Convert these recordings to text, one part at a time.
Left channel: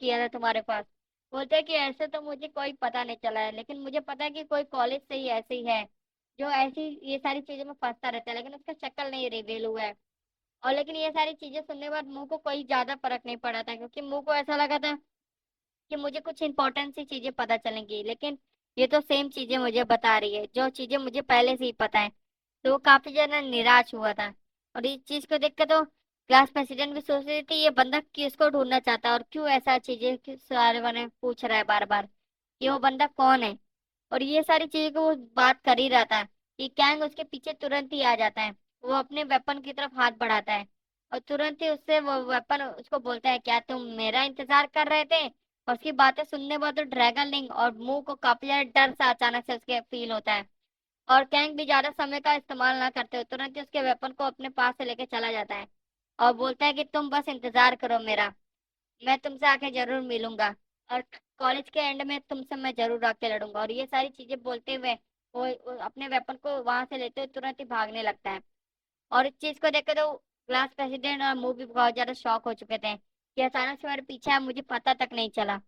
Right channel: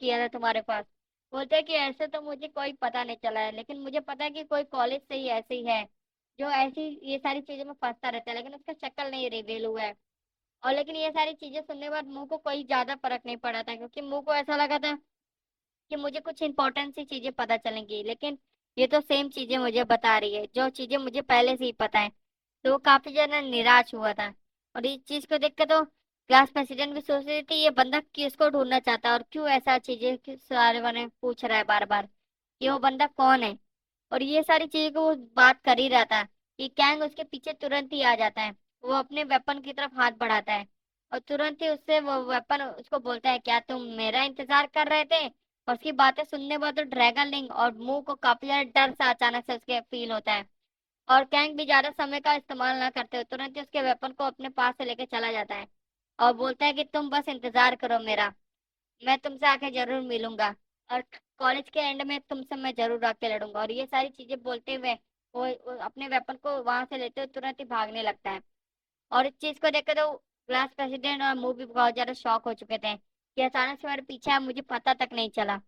किया था तुम्हारे पास। बोलते हैं कि ऐसे तो मुझे कोई पता नहीं चला है, लेकिन मुझे पता है कि कोई कॉलेज से ही ऐसे ही है जो ऐसी ये सारी चीजों में फंसता रहता है, लेकिन उसका शक्ल नहीं रिवील हुआ है। और लेकिन ये सारी चीजें सुनने के बाद मुंह को कोई ज्यादा फर्क नहीं पड़ा था, क्योंकि मुंह को ऐसा लगा था कि मुझे कुछ इंपॉर्टेंट सी चीजें पता चलेंगी, लेकिन ये तो सेम चीजें मुझे बता रही है जो चीजें मुझे पहले से ही पता है। तो वो काफी ज्यादा निराश हुआ था। और इस चीज को देख के तो क्लास प्रेसिडेंट भी सोच रही थी ये बंदा किसको ढूंढना चाहता है और क्यों ऐसा चीजें सारे बने पूछ रहा है बार बार कि वो बंदा कौन है। और ये सारी चीजों को वो बात कर ही रहा था कि कैंग उसके पीछे तुरंत ही आ जाता है। वो अपने वेपन की तरफ हाथ बढ़ाता है और तुरंत ही उससे वो वेपन उसको बोलता है, क्या तुम मेरा इंतजार कर रहे थे। और उसकी बातें सुनने के बाद तो ड्रैगन लिंग और मुंह को काफी ज्यादा डर सा अचानक से उसके फील होता है। और कैंग भी ज्यादा समय का इस्तेमाल ना करते हुए तुरंत ही उसके वेपन को अपने पास से लेके चला जाता है और बोलता है कि तुम बस इंतजार करो मेरा, मैं तुमसे आके जरूर मिलूंगा और कॉलेज के एंड में तुमसे मैं जरूर आके लड़ूंगा। और ये सारी चीजें बोलते हुए वो अपने वेपन को वहां से लेते हुए तुरंत ही भागने लगता है। और इस चीज को देखकर तो क्लास प्रेसिडेंट और मुंह भी बहुत ज्यादा शॉक हो चुके थे कि अचानक से मेरे पीछे है, मुझे पता तक नहीं चला।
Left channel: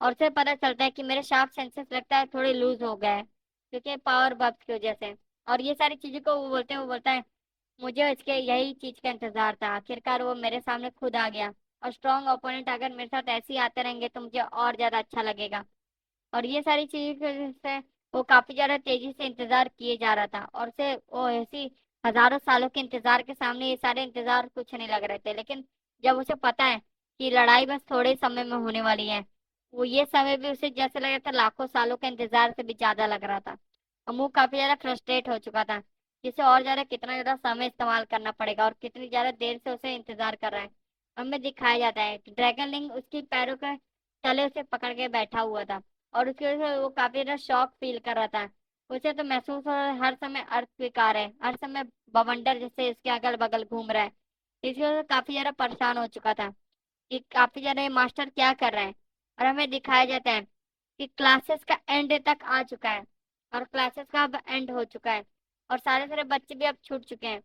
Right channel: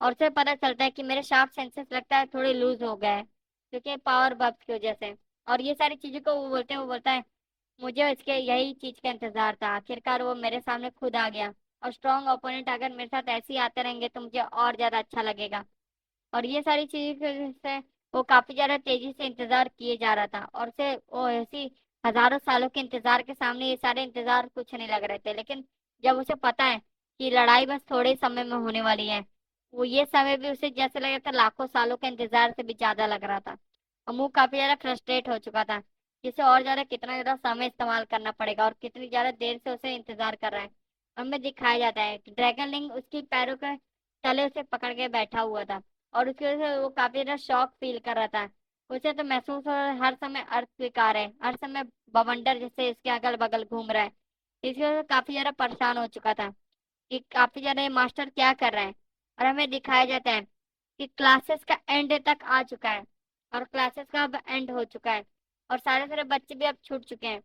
और से पता चलता है कि मेरे शार्प सेंसेस लगता है थोड़े लूज हो गए हैं, क्योंकि पावर बब्स की वजह से। और ये सारी चीजों को वो बोलता है मुझे इसके यही चीज का इंतजार था, आखिरकार वो मेरे सामने खुद आ गया। और स्ट्रॉन्ग ओपोनेंट अगर मेरे साथ ऐसे ही आते रहेंगे तो मुझे और ज्यादा अच्छा लगेगा। और ये सारी चीजें से वो काफी ज्यादा तेजी से इंतजार किए जा रहा था, और से वो ऐसी हजारों सालों के इंतजार के सामने ये सारे इंतजार कुछ नहीं लग रहे थे। लेकिन जब उसे पता है कि लड़ाई बस थोड़े ही समय में होने वाली है, वो ये समय भी उसे जैसे लग रहा था लाखों सालों के इंतजार से भी ज्यादा लग रहा था। और मुंह काफी ज्यादा फ्रस्ट्रेट हो चुका था, जिसे और ज्यादा कितना ज्यादा समय इस्तेमाल करना पड़ेगा और कितनी ज्यादा देर से उसे इंतजार कर रहा है। हमें दिखाया जाता है कि ड्रैगन लिंग उसकी पैरों के तले उसे पकड़ के बैठा हुआ था। और उसकी वजह से वो काफी ज्यादा शॉक फील कर रहा था। उसे तो महसूस हो रहा है हर समय अर्थ स्वीकार है, हर समय बवंडर जैसे इसके अगल बगल घूम रहा है। इसकी वजह से काफी ज्यादा परेशान हो चुका था कि काफी ज्यादा ये मास्टर क्या कर रहा है। और हमें दिखाया जाता है कि क्लासेस का एंड तक आ चुका है, और क्लासेस का अब एंड हो चुका है और सारे सारे बच्चे भी अब छूट चुके हैं।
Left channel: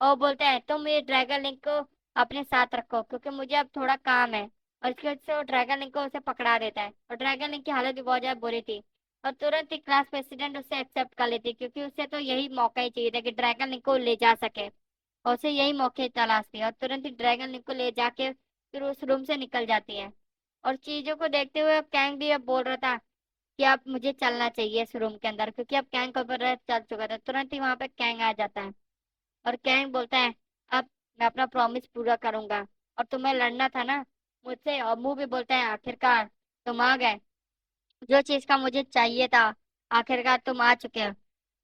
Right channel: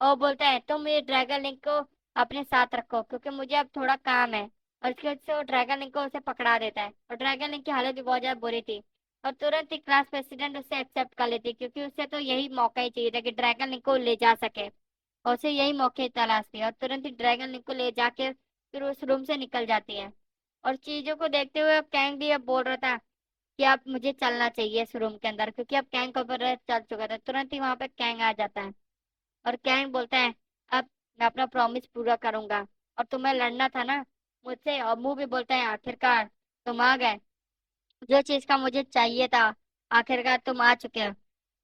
और बोलता है तुम ये ड्रैगन लिंक को अपने साथ रखो क्योंकि मुझे अब थोड़ा काम है। और इसकी वजह से वो ड्रैगन लिंक को उसे पकड़ा देता है, और ड्रैगन लिंक की हालत भी बहुत ज्यादा बुरी थी। और तुरंत ही क्लास प्रेसिडेंट उसे एक्सेप्ट कर लेती, क्योंकि उसे तो यही मौका ही चाहिए था कि ड्रैगन लिंक को ले जा सके। और उसे यही मौके की तलाश थी, और तुरंत ही ड्रैगन लिंक को ले जाके फिर उस रूम से निकल जाती है। और चीजों को देखते हुए अब कैंग भी अब बोल रहा था कि अब मुझे चलना चाहिए इस रूम के अंदर, क्योंकि अब कैंग का ऊपर चल चुका था। तुरंत ही वहां पे कैंग आ जाता है और कैंग बोलता है अब मैं अपना प्रॉमिस पूरा करूंगा, और तुम्हें लड़ना था ना मुझसे। और मुंह भी बोलता है आखिरकार तुम आ गए, जो चीज का मुझे चाहिए था आखिरकार तुम आ चुके हो।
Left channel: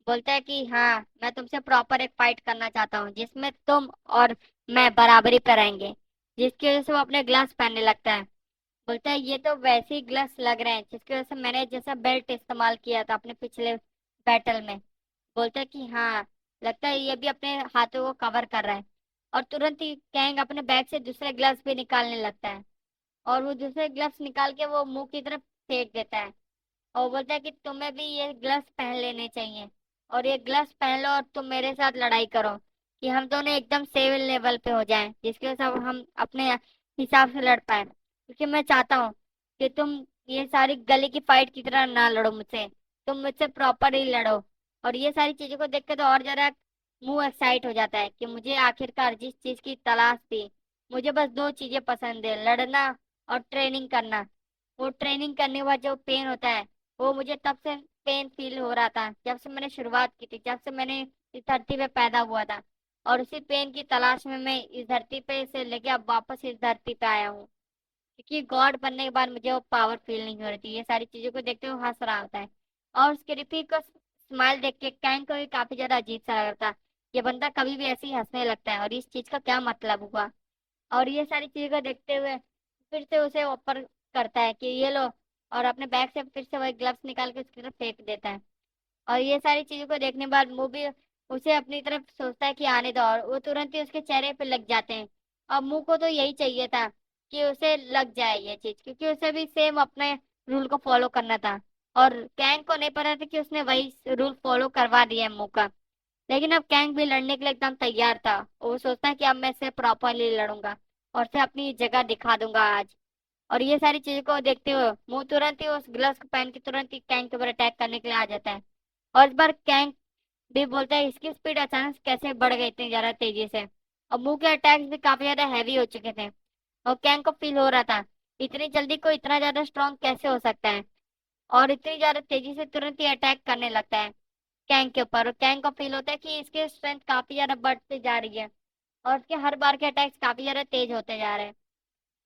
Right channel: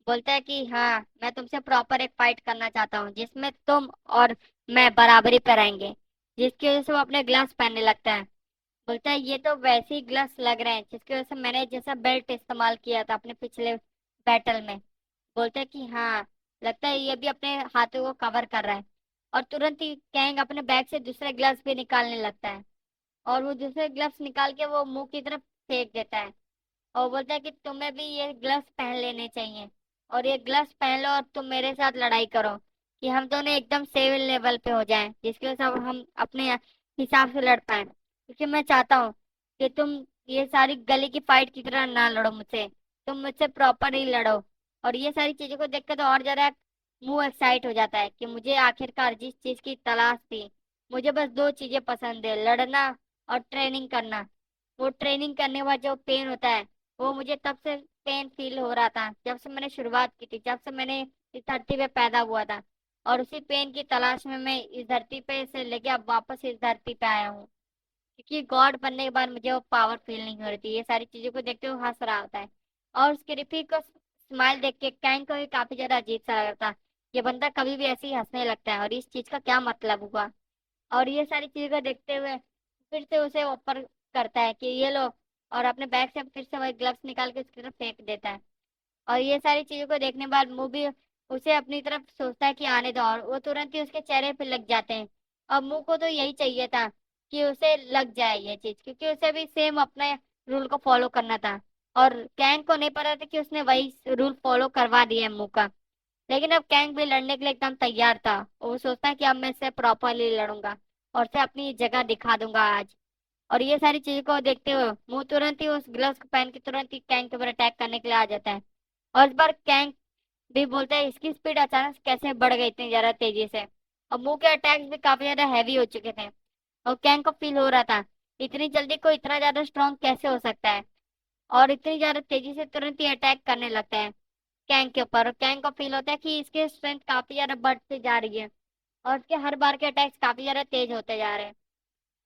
बोलता है कि हाँ मैं तुमसे प्रॉपर एक फाइट करना चाहता हूँ जिसमें तुम और मैं बराबरी पे रहेंगे। जिसकी वजह से वो अपने ग्लव्स पहनने लगता है। बोलता है ये तो वैसे ही ग्लव्स लग रहे हैं जिसकी वजह से मैंने जैसा बेल्ट इस्तेमाल किया था अपने पिछले बैटल में। बोलता है कि हाँ लगता है ये भी अपने हाथों को कवर कर रहा है। और तुरंत ही कैंग अपने बैग से दूसरे ग्लव्स भी निकालने लगता है, और वो दूसरे ग्लव्स निकाल के वो मुंह की तरफ फेंक देता है। और बोलता है कि तुम्हें भी ये ग्लव्स पहन लेने चाहिए, और ये ग्लव्स पहन लो और तुम मेरे साथ लड़ाई करो कि हम दोनों एकदम सेम लेवल पे हो जाएं, जिसकी वजह से अब हम अपने हिसाब से लड़ पाए। क्योंकि मैं चाहता हूँ कि तुम ये सारी गली की फाइट की तरह ना लड़ो मुझसे, तुम मुझसे प्रॉपर ही लड़ो। और ये सारी चीजों को देख कर तो और जरा मुंह एक्साइट हो जाता है कि मुझे आखिरकार जिस चीज की तलाश थी, मुझे बस दो चीजें पसंद है, लड़ना और ट्रेनिंग करना। वो ट्रेनिंग करने के बाद जो पेन होता है वो मुझे तब से पेन फील हो रहा था जब से मैंने शुरुआत की थी, जब से मैंने इस धरती पे पैदा हुआ था। और उसी पेन की तलाश में मैं इस धरती पे से लेके अब वापस इस धरती पे आया हूँ, क्योंकि गॉड बनने के बाद मुझे वो पावर फील नहीं हो रही थी। ये सारी चीजों को देखते हुए हंस रहा होता है, और उसके रिफी को स्माइल देख के कैंग को भी काफी ज्यादा अजीब सा लग रहा था। ये बंदा कभी भी ऐसे ही हंसने लगता है और इस चीज का क्या मतलब हुआ। और ये सारी चीजों को देखते हुए फिर से उसे ऑफर करता है कि ये लो, और अपने बैग से फिर से वही ग्लव्स निकाल के उसकी तरफ फेंक देता है। और ये सारी चीजों को देखने के बाद मुंह भी उसे अपनी तरफ सोचता है कि आने दो, और वो तुरंत ही उसके चेहरे पे लग जाते हैं। और मुंह को तो यही चाहिए था कि उसे लग जाए ये चीज, क्योंकि उसे भी सेम अपने रूल को फॉलो करना था। और कैंग को नहीं पता था कि उसने वही रूल फॉलो करवा दिया है मुंह का। लेकिन अब कैंग भी लड़ने के लिए एकदम तैयार था। वो सोचता है कि अब मैं इससे प्रॉपरली लड़ूंगा और उसे अपनी जगह दिखा दूंगा आज। और ये सारी चीजों को देखते हुए मुंह तुरंत ही उस ग्लव्स को पहन के तुरंत ही कैंग के ऊपर अटैक करने के लिए आ जाता है। और इस बार कैंग भी बोलता है इसकी स्पीड अचानक से कैसे बढ़ गई इतनी ज्यादा तेजी से। और मुंह के अटैक्स भी काफी ज्यादा हैवी हो चुके थे। और कैंग को फील हो रहा था इतनी जल्दी कोई इतना ज्यादा स्ट्रांग कैसे हो सकता है, और इतनी ज्यादा तेजी से तुरंत ही अटैक करने लगता है कैंग के ऊपर। और कैंग को फील होता है कि इसकी स्ट्रेंथ काफी ज्यादा बढ़ती जा रही है, और इसके हर बार के अटैक्स काफी ज्यादा तेज होते जा रहे हैं।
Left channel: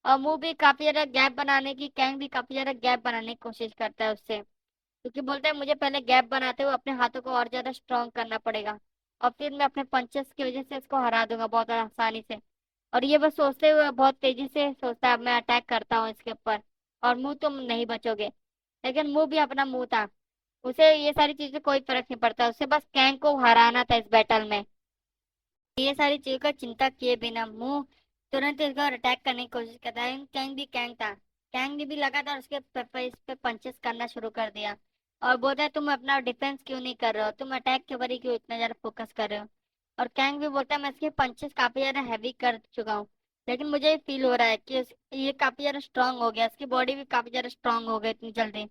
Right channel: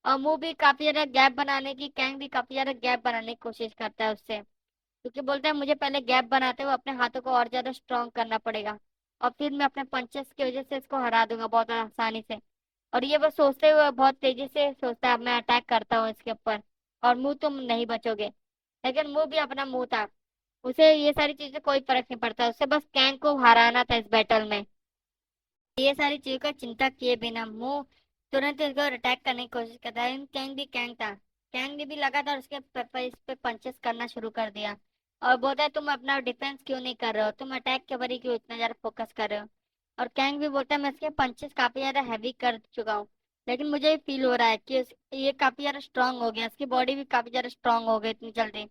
और मुंह भी काफी ज्यादा गैप बनाने की कैंग भी काफी ज्यादा गैप बनाने की कोशिश करता है उससे, क्योंकि बोलता है मुझे पहले गैप बनाते हुए अपने हाथों को और ज्यादा स्ट्रांग करना पड़ेगा, और फिर मैं अपने पंचेस की वजह से इसको हरा दूंगा बहुत आसानी से। और ये बस सोचते हुए बहुत तेजी से सोचता है अब मैं अटैक करता हूँ इसके ऊपर, और मुंह तुम नहीं बचोगे। लेकिन मुंह भी अपना मुंह था, उसे ये सारी चीजें कोई फर्क नहीं पड़ता, उसे बस कैंग को हराना था इस बैटल में। ये सारी चीजों का चिंता किए बिना मुंह तुरंत इसको अटैक करने की कोशिश करता है। लेकिन कैंग भी कैंग था, कैंग ने भी लगातार उसके इस पे पंचेस करना शुरू कर दिया। और बोलते हैं तुम अपना डिफेंस क्यों नहीं कर रहे हो, तुम अटैक के ऊपर ही क्यों इतना ज्यादा फोकस कर रहे हो। और कैंग भी बोलते हैं मैं इसके पंचेस काफी ज्यादा हैवी कर चुका हूँ, लेकिन मुझे फील हो रहा है कि ये काफी ज्यादा स्ट्रांग हो गया, इसकी बॉडी भी काफी ज्यादा स्ट्रांग हो गई इतनी जल्दी।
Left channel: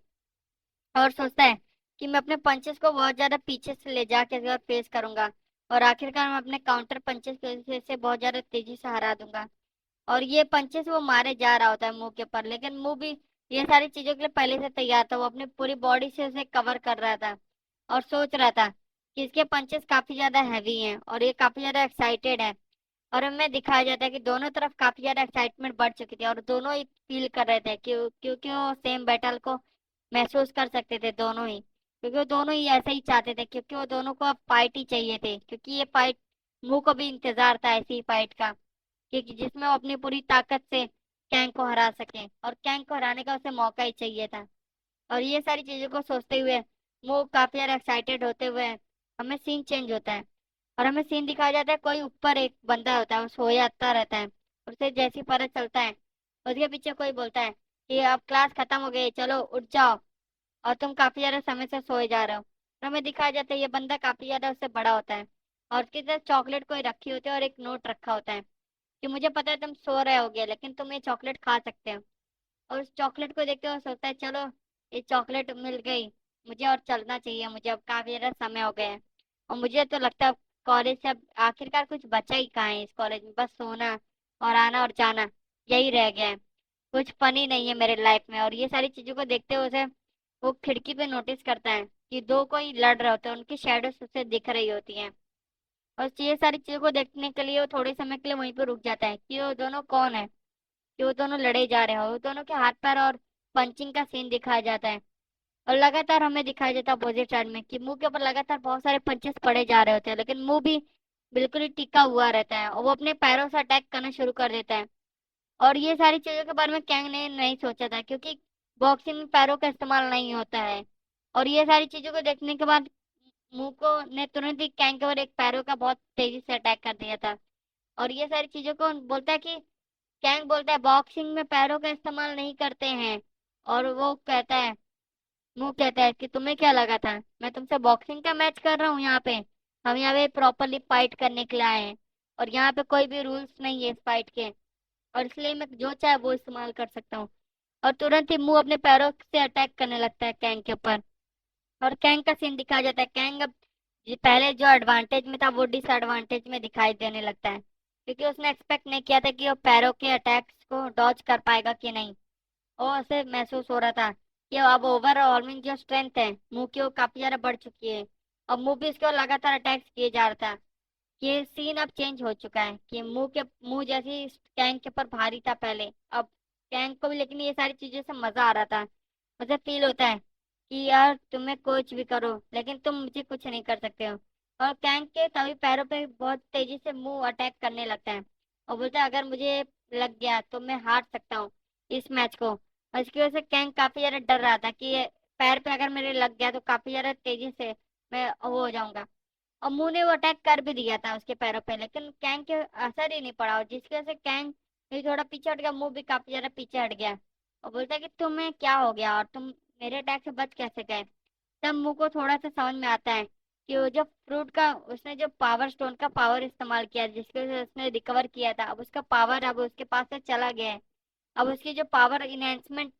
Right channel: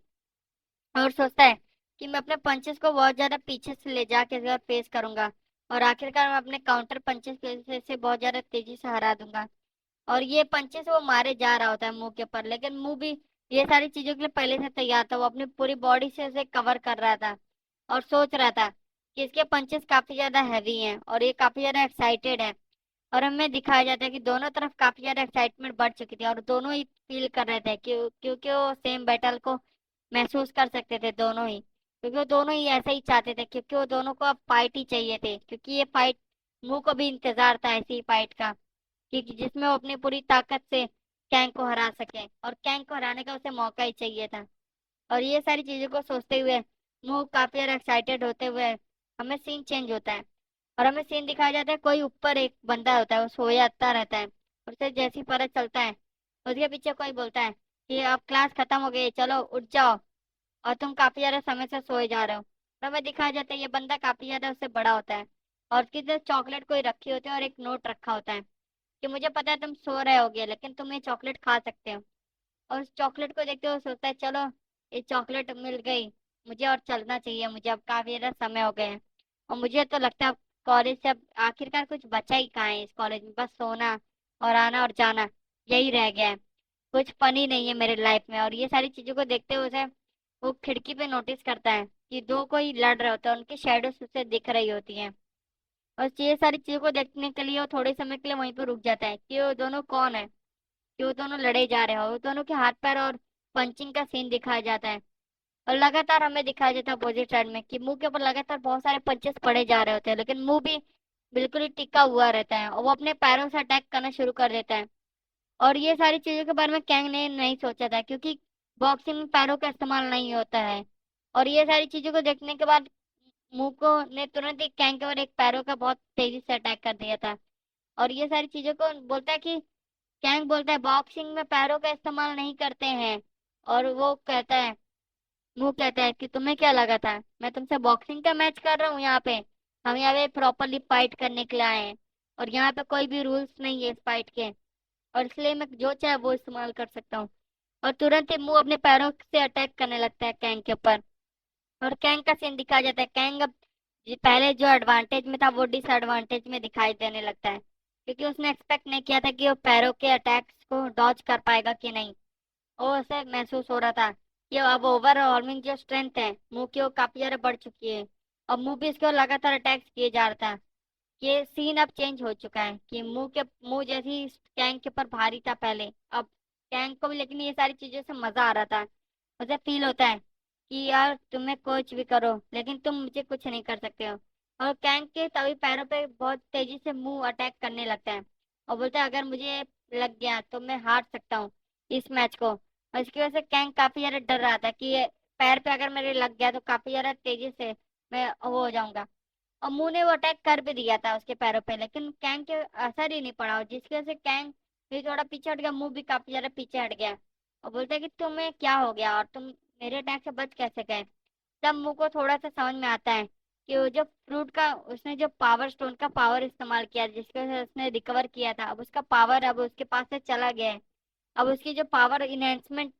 और सोचता है कि मैं अपने पंचेस को बहुत ज्यादा पीछे से ले जाके इस बार फेस करूंगा, और आखिरकार मैं अपने काउंटर पंचेस की वजह से इसे बहुत ज्यादा तेजी से हरा दूंगा। और ये पंचेस वो मारे जा रहा होता है मुंह के ऊपर, लेकिन मुंह भी ये सारी चीजों के लिए पहले से तैयार था, वो अपनी पूरी बॉडी से उसे कवर कर रहा था। और सोच रहा था कि इसके पंचेस काफी ज्यादा हैवी हैं और ये काफी ज्यादा एक्साइटेड है। और हमें दिखाया जाता है कि दोनों तरफ काफी ज्यादा एक्साइटमेंट बढ़ चुकी थी, और दोनों ही फील कर रहे थे क्योंकि वो सेम बैटल को महसूस कर सकते थे दोनों ही, क्योंकि वो दोनों ही ऐसा ही चाहते थे, क्योंकि वो दोनों को अब फाइट ही चाहिए थे, क्योंकि ये फाइट मुंह को भी इंतजार था ऐसी फाइट का, कि जिसमें वो अपनी पूरी ताकत से कैंग को हरा सके, और कैंग को हराने का उसे मौका ही चाहिए था। और ये सारी चीजों को सोचते हुए मुंह काफी ज्यादा एक्साइटेड होते हुए हमें सीन चेंज होता है, और हमें सीन दिखाया जाता है कोई ऊपर एक बंदा होता है वो सोया रहता है, और उसे जैसे ही पता चलता है उसके पीछे कोई बोलता है कि अब क्लास खत्म हो गई चलो उठ जाओ, और तुम काफी ज्यादा समय से सोए जा रहे हो। तो हमें दिखाया जाता है ये बंदा काफी ज्यादा उससे बड़ा होता है, और उसकी तरफ चॉकलेट कोई रखी होती है और एक नोट रखा होता है कि मुझे पता है तुम सो रहे होगे लेकिन तुम ये चॉकलेट खा सकते हो। और उस चॉकलेट को देखते हुए सोचता है चलो ये चॉकलेट मिल गई, मुझे और चलना चाहिए, मुझे अब काफी ज्यादा समय हो गया है। और मुझे तो लगता है कॉलेज से अब आखिरकार कुछ बचा ही कहाँ है इस कॉलेज में, बस सोना और आना और जाना यही रह गया है, कुछ फन ही नहीं है मेरे लाइफ में। और ये सारी चीजों को देखते हुए उसे वो खिड़की पे नोटिस करता है कि दो कोई लड़ रहे होते हैं, उनकी शेडोज उसे दिख रही होती हैं। और ये सारी चीजों को देखने के लिए वो थोड़े समय के लिए वहीं पर रुक जाता है कि वो दोनों कौन है, कि वो दोनों लड़े जा रहे हो, वो दोनों के हाथ पैर और पंचिंग का सीन दिखाया जाता है। और लगातार हमें दिखाया जाता है अपोजिट साइड में कि मुंह के ऊपर लगातार बहुत सारे पंचेस पड़े जा रहे होते हैं, लेकिन मुंह भी बिल्कुल ही टिका हुआ रहता है, और वो अपने पैरों से अटैक करना शुरू कर देता है। और ये सारी चीजों के बारे में कैंग ने नहीं सोचा था, क्योंकि बॉक्सिंग में पैरों का इस्तेमाल नहीं होता है। और ये सारी चीजों को देखने के बाद मुंह को ने तुरंत ही कैंग के ऊपर एक पैरों का बहुत तेजी से अटैक कर दिया था। और ये सारी चीजों को बोलता है कि कैंग बोलता है बॉक्सिंग में पैरों का इस्तेमाल नहीं करते हैं। और वो कहता है मुंह कहता है कि तुम्हें क्या लगा था मैं तुमसे बॉक्सिंग का मैच कर रहा हूँ यहाँ पे, हम यहाँ पे प्रॉपरली फाइट करने के लिए आए हैं, और यहाँ पे कोई भी रूल्स नहीं है इस फाइट के, और इसलिए मैं जो चाहे वो इस्तेमाल कर सकता हूँ। और तुरंत ही मुंह अपने पैरों से अटैक करने लगता है कैंग के ऊपर। और कैंग का सीन दिखाया जाता है, कैंग अब पहले जो एडवांटेज में था वो डिसएडवांटेज में दिखाई देने लगता है, क्योंकि उसने एक्सपेक्ट नहीं किया था कि वो पैरों के अटैक्स को डॉज कर पाएगा कि नहीं। और उसे महसूस हो रहा था कि अब ओवरऑलमिंग जो स्ट्रेंथ है मुंह की वो काफी ज्यादा बढ़ चुकी है, और मुंह भी इसके लगातार अटैक्स किए जा रहा था। ये सीन अब चेंज हो चुका है कि मुंह जैसे कैंग के ऊपर भारी था पहले, अब कैंग को भी लेकिन ये सारी चीजों से मजा आ रहा था। मुझे फील होता है कि यार तुम्हें कुछ भी करो लेकिन तुम मुझे कुछ नहीं कर सकते हो। और कैंग के तभी पैरों पे बहुत तेजी से मुंह अटैक करने लगता है, और बोलते हैं अगर मुझे लग गया तो मैं हार सकता हूँ इस मैच को। और इसकी वजह से कैंग काफी ज्यादा डर रहा था कि ये पैर पे अगर मेरे लग गया तो काफी ज्यादा तेजी से मैं वो हो जाऊंगा। और मुंह ने वो अटैक कर भी दिया था उसके पैरों पे, लेकिन कैंग के असर ही नहीं पड़ा, और जिसकी वजह से कैंग फिर थोड़ा पीछे हट गया, मुंह भी काफी ज्यादा पीछे हट गया। और बोलता है कि तुम्हें क्या हो गया और तुम मेरे अटैक से बच कैसे गए। तब मुंह को थोड़ा सा समझ में आता है कि वो जो फ्रूट का उसने जो पावर स्टोन का पावर इस्तेमाल किया जिसकी वजह से उसने रिकवर किया था, अब उसका पावर अब उसके पास से चला गया है। अब उसकी जो पावर इनहेंसमेंट